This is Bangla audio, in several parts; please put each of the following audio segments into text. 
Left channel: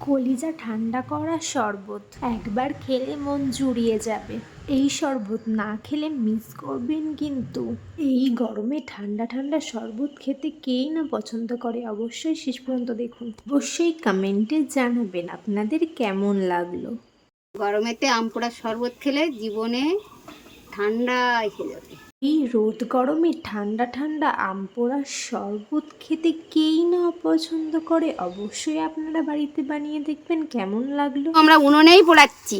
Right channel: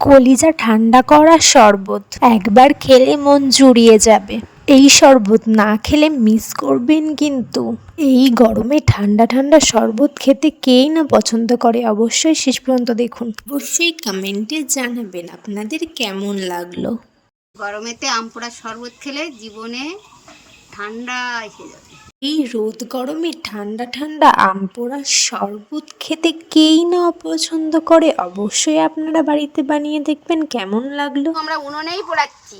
কলিজা ঠান্ডা করা শরবত একবার খেলে মন জুড়িয়ে যাবে। এই শরবত না খেলে মিস করবেন কিন্তু। এই গরমে ঠান্ডা ঠান্ডা শরবত খেতে কেই না পছন্দ করে। অবশ্যই শেষ পর্যন্ত দেখুন। অবশ্যই কমেন্টে জানাবেন আপনাদের কেমন লাগলো। গরমেতে আম পোড়ার শরবত খেলে জীবনে ঠান্ডা এসে যাবে। এই রোদ গরমে ঠান্ডা ঠান্ডা আম পোড়ার শরবত খেতে কেই না অপছন্দ করে। অবশ্যই আপনারা বাড়িতে বানিয়ে দেখবেন কেমন লাগলো। আমরা উনুনেই পোড়াচ্ছি,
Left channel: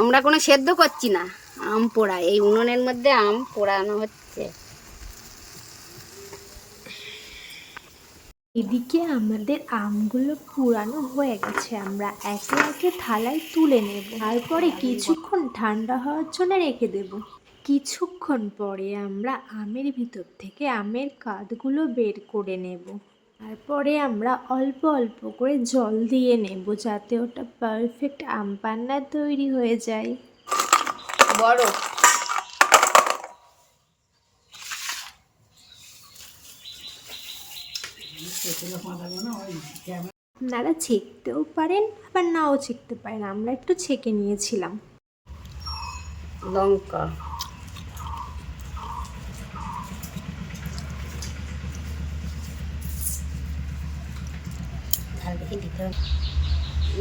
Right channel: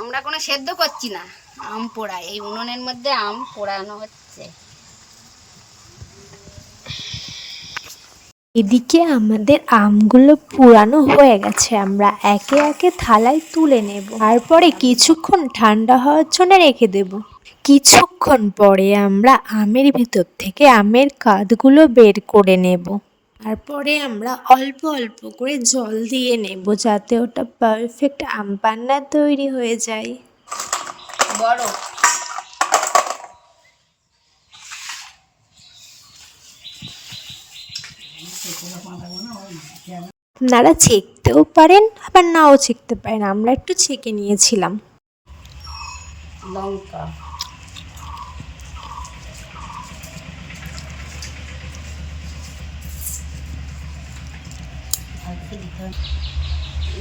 আমরা কোনো সেদ্ধ করছি না, আম পোড়া। এই উনুনের মধ্যে আম পোড়ানো হচ্ছে। এদিকে আমাদের আমগুলো পুরানো হয়ে গেছে, আমরা একে একে থালায় তুলে নেব। তারপরে কিছুক্ষণ ঠান্ডা হওয়ার জন্য রেখে দেব। কিছুক্ষণ পরে আমরা আমের ভিতর থেকে আমের কাঁধগুলো বের করে নেব। তারপরে আমরা অল্প অল্প করে জল দিয়ে নেব যাতে ওটা পারফেক্ট আম পান্না তৈরি হয়ে যায়। বড় আপনারা ছেঁকতেও পারেন আবার নাও ছেঁকতে পারেন, আমরা একটু ছেঁকে নিয়েছিলাম। লঙ্কা,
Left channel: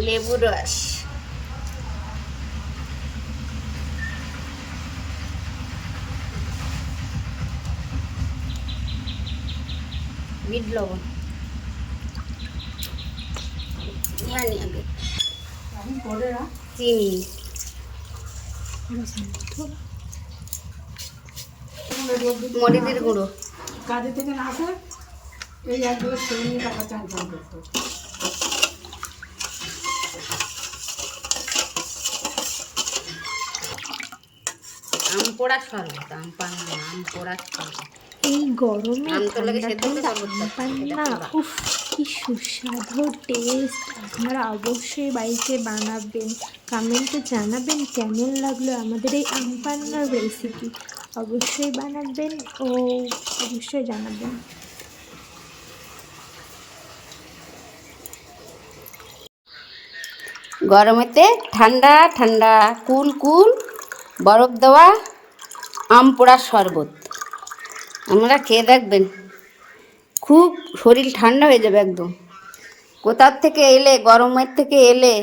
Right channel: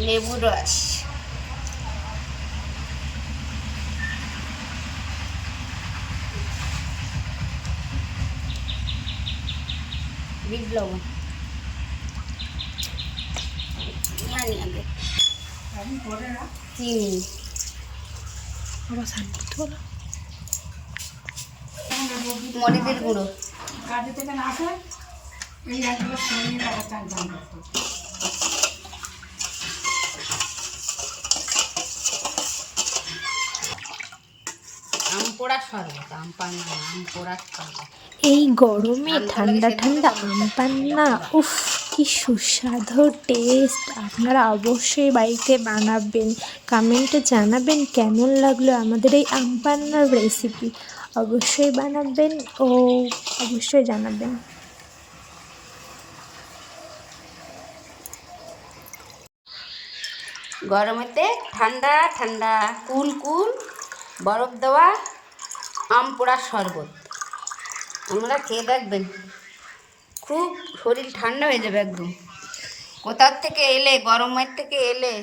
লেবু রস, বিট লবণ, জানি আগে চিনি, মরিচের গুঁড়ো, আম পোড়া শরবত, আম পান্না, আম পোড়া শরবত। এই গরমে ঠান্ডা ঠান্ডা আম পান্না, উফ কি সুস্বাদু টেস্ট। আপনারা অবশ্যই বাড়িতে বানাবেন, কমেন্টে জানাবেন কেমন লাগলো আমাদের এই আম পান্নার রেসিপি। অবশ্যই বানাবেন ও অবশ্যই জানাবেন। গরমেতে ঠান্ডা ঠান্ডা কুল কুল বরফ দেওয়া আম পোড়ার শরবত আমরা খেয়ে দেখবেন, খুব শরীর ঠান্ডা হয়ে যাবে একদম। কোথার থেকে এলে, গরমের থেকে এলে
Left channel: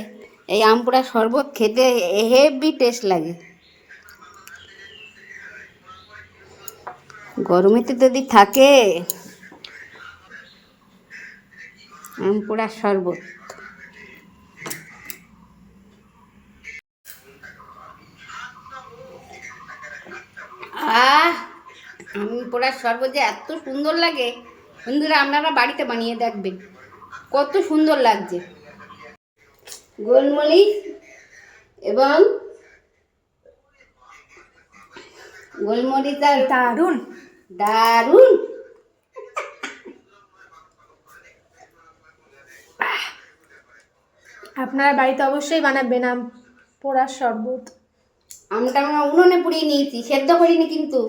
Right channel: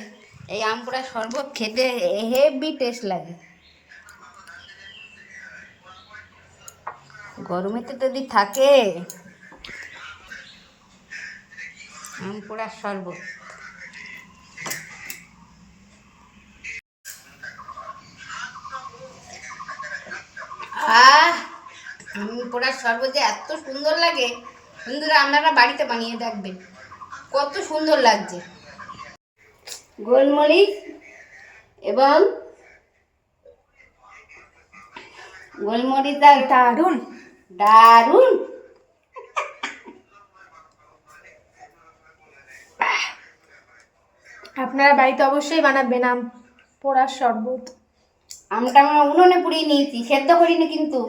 এই আম পোড়ার শরবত খেতে হেভি টেস্ট লাগে। গরমেতে যদি থাকে আম পোড়ার শরবত। আম পোড়ার শরবত যে এত সুন্দর লাগে, বন্ধুরা আপনারা বাড়িতে বানিয়ে দেখবেন কত সুন্দর লাগছে। গোলমরিচ এবং গোলমরিচ আর দারুণ দারুণ। আপনারা বাড়িতে অবশ্যই বানাবেন আম পোড়ার শরবত। আমটা আমরা উনুনে পুড়িয়ে নিয়েছি, সেদ্ধ করিনি কিন্তু।